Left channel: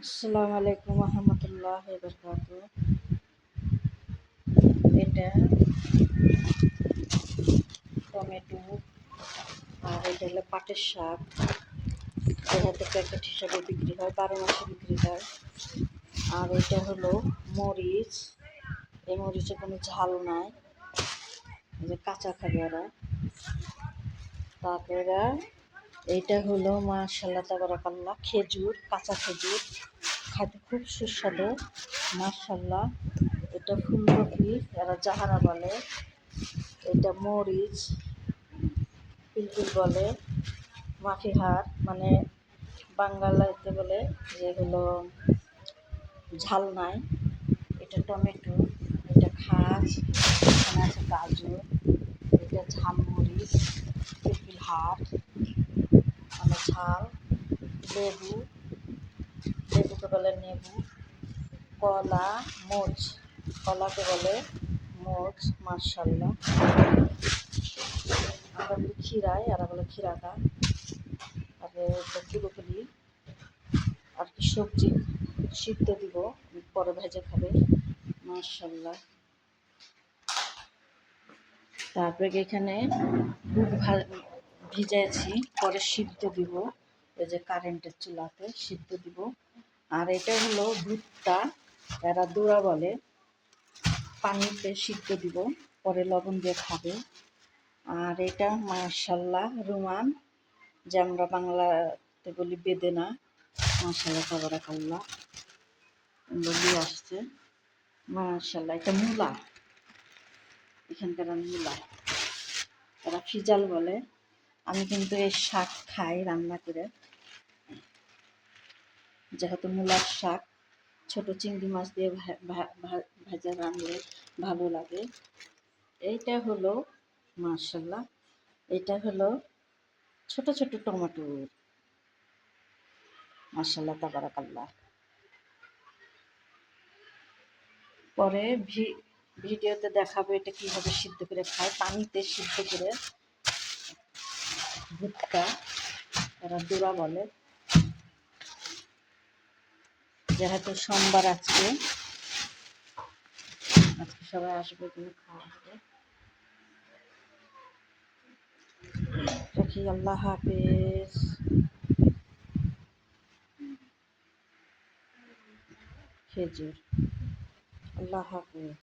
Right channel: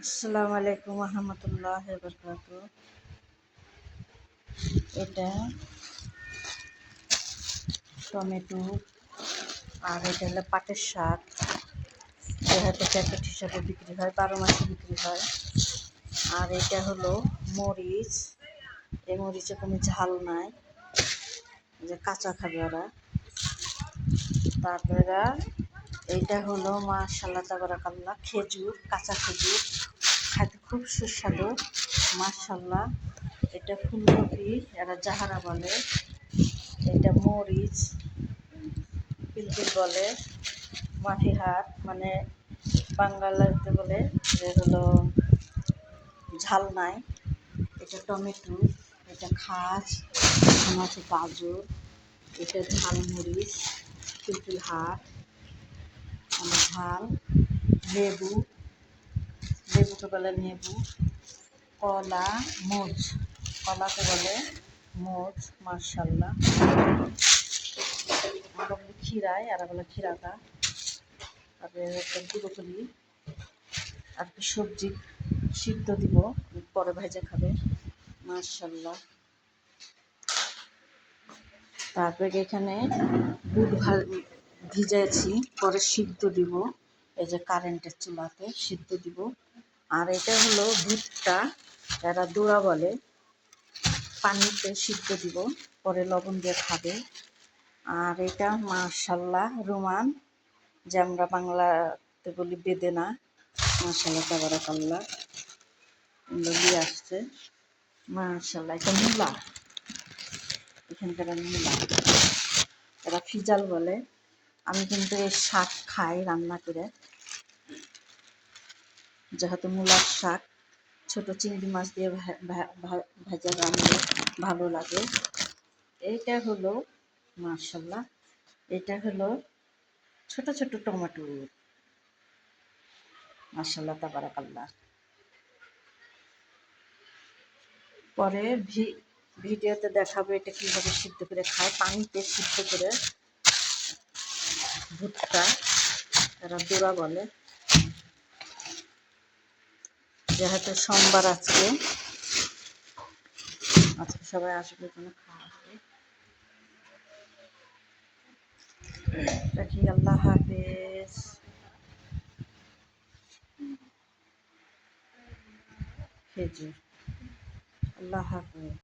আসসালামু আলাইকুম রহমতুল্লাহ বরকাত। এটা টমেটো, আর এটা হলো পাটের শাক। যেহেতু প্যাকেট হিসাবে বিক্রি হয়, 12 মাসে বিক্রি হয়। আর এটা হলো মরিচ। এই মরিচে কোনো ঝাল নাই, যে কাঁচা খাবে ওরা। তারপরে এইটা হলো মাশাআল্লাহ তাবারাকাল্লাহ খেজুর, কাঁচা খেজুর, খাইতে খুব সুস্বাদু মাশাআল্লাহ। এটা ফুলকপি, এরা জাহারা বলে। এটা মরিচ, পিলপিল বলে। মাটিহার মানে বাংলাতে বলে যে হলো ঝাল নাই। এটা টমেটো, এটা খাস, এখানে আছে গাজর, এটা ঝালমরিচ, পিলপিল হাট মানে ঝাল। লেবু, লেবুকে বলে নেবু। কলা, মোচ, কলাকে বলে মোচ মাশাআল্লাহ। আমরা বলি ক্ষীরায়, এরা বলে ক্ষীরাটা। তারপরে ব্রোকলি আর কি সবজি সিদ্ধ দিব, পরে ভেজে খাবে মাশাআল্লাহ। তারপরে এখানে বুট ভিজাইছি, পরে সিদ্ধ দিব। এই যে কারেন্টের চুলাতে সিদ্ধ দিব। আর এটা হলো ভুট্টা, এরা দোড়া বলে। পানিতে সিদ্ধ দিব, পরে লবণ দিয়ে খাবে। আর এটা মাশাআল্লাহ রুমান, যে আমরা বাংলাতে বলি বেদেনা মাশাআল্লাহ তাবারাকাল্লাহ। এগুলো দিয়ে আসছে মাশাআল্লাহ। এটা মূলা, এখানকার মূলা, এরা ফিজাল বলে। আমি কিন্তু এই শাক খাই রান্না করে, যেহেতু মূলার শাক ছোট চিংড়ি মাছ দিয়ে ভাজা রান্না ভালো লাগে। এইটা হলো মাশাআল্লাহ, এটা হলো ছোট ছোট টমেটো মাশাআল্লাহ তাবারাকাল্লাহ। পরে ভিডিওতে দেখাবো এটা কীভাবে সিদ্ধ করে খায়, পানিতে সিদ্ধ করে। ভুট্টা, এরা দোড়া বলে। যেহেতু সোমবার আজকে সবাই আসবে, এখানে খাওয়া হবে। রাখি, আল্লাহ হাফেজ। খেজুর, আল্লাহ হাফেজ।